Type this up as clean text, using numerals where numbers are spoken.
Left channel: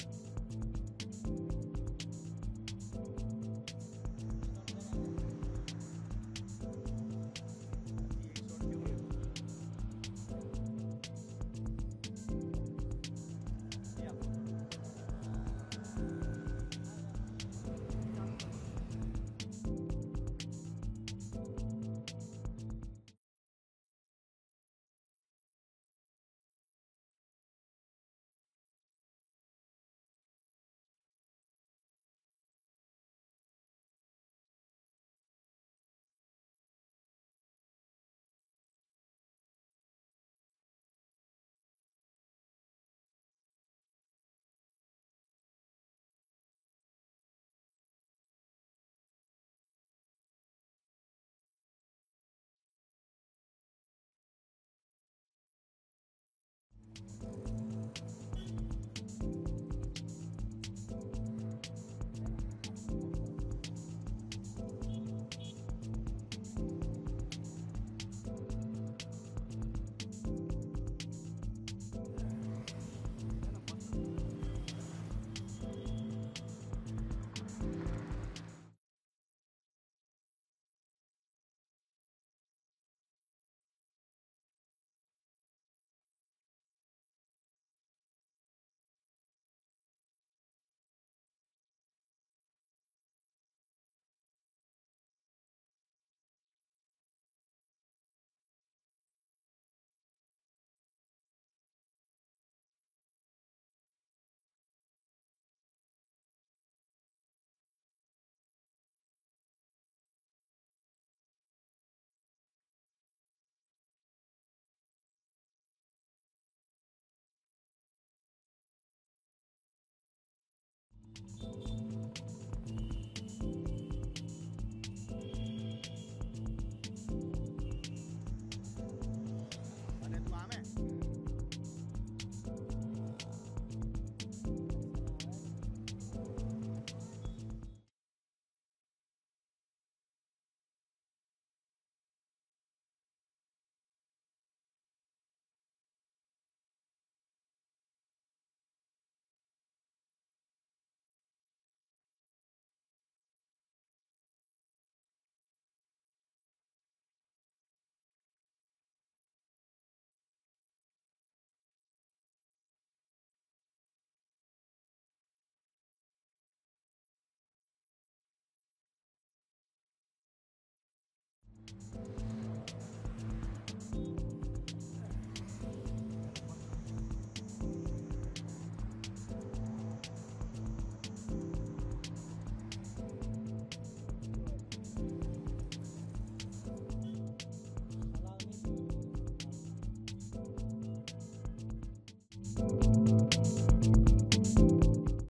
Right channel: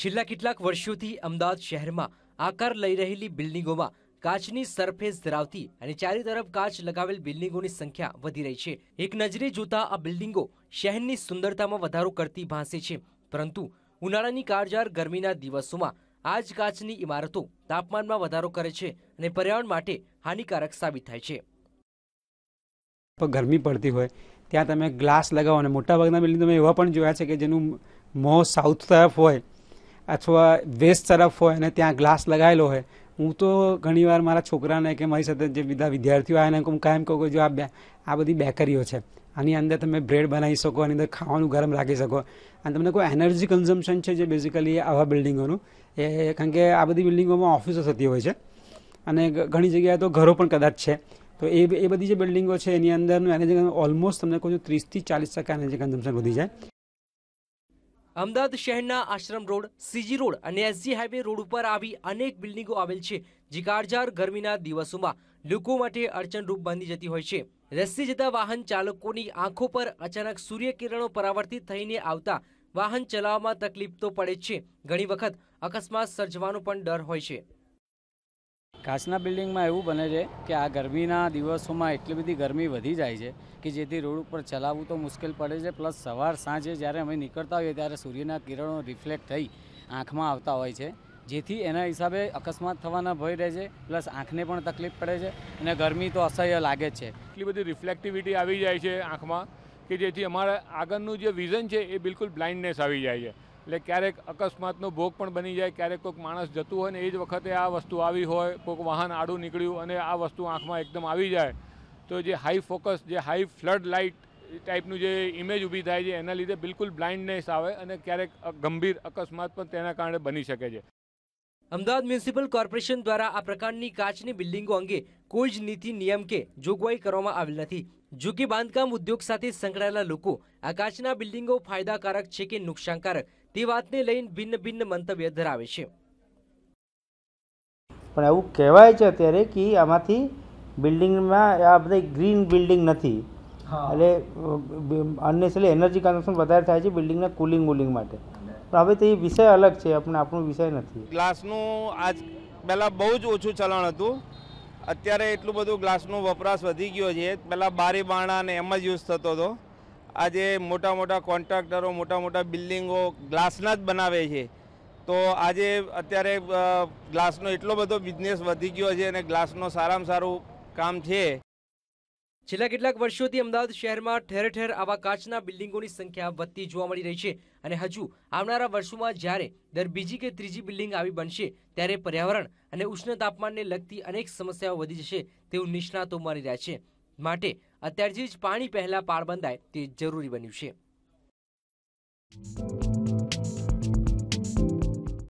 છેલ્લા કેટલાક વર્ષોથી અમદાવાદ શહેરમાં આકાર લઈ રહેલી બિલ્ડિંગોમાં કાચની સરફેસ ધરાવતી અને ચારે તરફ કાચ લગાવેલ બિલ્ડિંગોની સંખ્યા વધી રહી છે। એક નજરે જોતા આ બિલ્ડિંગો શહેરની સુંદરતામાં વધારો કરતી ભાસે છે, પરંતુ ઉનાળાની કાળઝાળ ગરમીના દિવસોમાં આ જ કાચની ઇમારતો તાપમાનમાં વધારો કરે છે અને પર્યાવરણ માટે હાનિકારક સાબિત થાય છે। ગરમી પડતી હોય ત્યાં તમે ગ્લાસ લગાવો, અને મોટાભાગના બિલ્ડિંગ તમે એવા પણ જોયા છે કે જેનું મોં સાઉથ તરફ હોય અથવા વેસ્ટ તરફ હોય અને ત્યાં ગ્લાસ લગાવેલો હોય। હું તો ઘણીવાર મારા છોકરાને કે મારી સાથે જે બધા વિદ્યાર્થીઓ આવે એને હું કાયમ કહું કે જો આ બધી બેકરીઓ છે, આની અંદર તમે બ્રેડ બનાવી શકો, આની અંદર ખાવાનું ગરમ રાખી શકો, અને તમને કોઈ એનર્જી કન્ઝમ્પશન છે જે બેઝિકલી આવા બિલ્ડિંગોનું કારણ કે આ બધી બિલ્ડિંગોમાં ઓફિસો થતી હોય છે અને ઘણી જગ્યાએ તો ઘરો પણ કદાચ છે, તો એ બધી જે બિલ્ડિંગો છે એની અંદરનું એનર્જી ઓલમોસ્ટ તમને કહું છું 30-40% એનર્જી કન્ઝમ્પશન વધી જાય। અમદાવાદ શહેરના આશ્રમ રોડ, સીજી રોડ અને એસજી હાઈવે રોડ ઉપર આવી અનેક બિલ્ડિંગો આવેલ છે, જે કાળઝાળ ગરમીના દિવસોમાં લોકો માટે અડચણરૂપ બની જતી હોય છે। રસ્તે જતા વાહન ચાલકોની આંખો પર અચાનક સૂર્યકિરણો પરાવર્તિત થઈને આવતા વાહન ચલાવવામાં તકલીફ તો પડે જ છે, ઘણી વખત અકસ્માત સર્જવાનો પણ ડર હોય છે। કાચના બિલ્ડિંગમાં એવું બને છે કે આ ગરમીના દિવસોમાં એટલી બધી ગરમી વધી જાય છે કે જેથી રોડ ઉપર ચલાવવું તો મુશ્કેલ પડે છે, પ્લસ સવાર સાંજે જ્યારે અમે નીકળતા હોઈએ ત્યારે સૂર્યના કિરણો રિફ્લેક્ટ થઈ આંખમાં આવતા હોય છે, જેથી એના હિસાબે અકસ્માત થવાના ભય રહે છે, પ્લસ આંખને પણ તકલીફ પડે છે અને ગરમી તો અસહ્ય લાગે જ છે। એટલી બધી રિફ્લેક્ટિવિટી આવી જાય છે આંખમાં કે જેથી અમારા આગળનું જે વિઝન છે એ બિલકુલ બ્લાઇન્ડનેસ આવી જાય છે, એટલે ક્યારેક અકસ્માતનો ભોગ પણ બની જાય। ક્યારેક કોઈક માણસ જતું હોય ને એ જ વખતે આ વસ્તુ આવી હોય, કોઈક વાહન આડું નીકળ્યું અને આ વસ્તુ આંખમાં એકદમ આવી જાય તો જે હાઈ ફોકસ, જે હાઈ ફ્લડ લાઇટ ટાઈપનું જે ઇમેજ ઊભી થાય છે એના લીધે બિલકુલ બ્લાઇન્ડનેસ આવે અને ક્યારેક ગંભીર અકસ્માત પણ તેના કારણે બની શકે છે। અમદાવાદ મ્યુનિસિપલ કોર્પોરેશન દ્વારા આ પ્રકારની કાચની બિલ્ડિંગો અંગે કોઈ જ નીતિ, નિયમ કે જોગવાઈ કરવામાં આવેલ નથી। જો કે બાંધકામ ઉદ્યોગ સાથે સંકળાયેલા લોકો આ કાચના બિલ્ડિંગો ફાયદાકારક છે કે નુકસાનકારક તે વાતને લઈને ભિન્ન મંતવ્ય ધરાવે છે। પણ એવું કહેવાય છે અત્યારે કે આમાંથી બિલ્ડિંગમાં આ બધા ગ્રીન બિલ્ડિંગ નથી, એટલે અનનેસેસરી એનર્જી કન્ઝમ્પશન વધારે થાય છે બિલ્ડિંગના કુલિંગ માટે, પણ હવે તો એ વિષય અલગ છે, આપણો વિષય નથી। ગ્લાસનું આજ પહેલાં બહુ જ ઓછું ચલણ હતું, અત્યારે એટલું બધું ગ્લાસનો વપરાશ વધી ગયો છે। પહેલાં બારી બારણા ને એમ જ યુઝ થતો હતો, આજે મોટા મોટા કોન્ટ્રાક્ટરો મોટા મોટા બિલ્ડિંગો ગ્લાસના જ બનાવે છે, તો આજે અત્યારે ગ્લાસનો એટલો બધો બિઝનેસ વધી ગયો છે અને ગ્લાસનો સારામાં સારું કામ છે। છેલ્લા કેટલાક વર્ષોથી અમદાવાદ શહેરમાં ઠેર ઠેર આવા કાચના બિલ્ડિંગોની સંખ્યા વધતી જોવા મળી રહી છે, અને હજુ આવનારા વર્ષોમાં જ્યારે દર બીજી કે ત્રીજી બિલ્ડિંગ આવી બનશે ત્યારે પર્યાવરણ અને ઉષ્ણ તાપમાનને લગતી અનેક સમસ્યાઓ વધી જશે તેવું નિષ્ણાતો માની રહ્યા છે, માટે અત્યારથી જ પાણી પહેલા પાળ બંધાય તે જરૂરી બન્યું છે।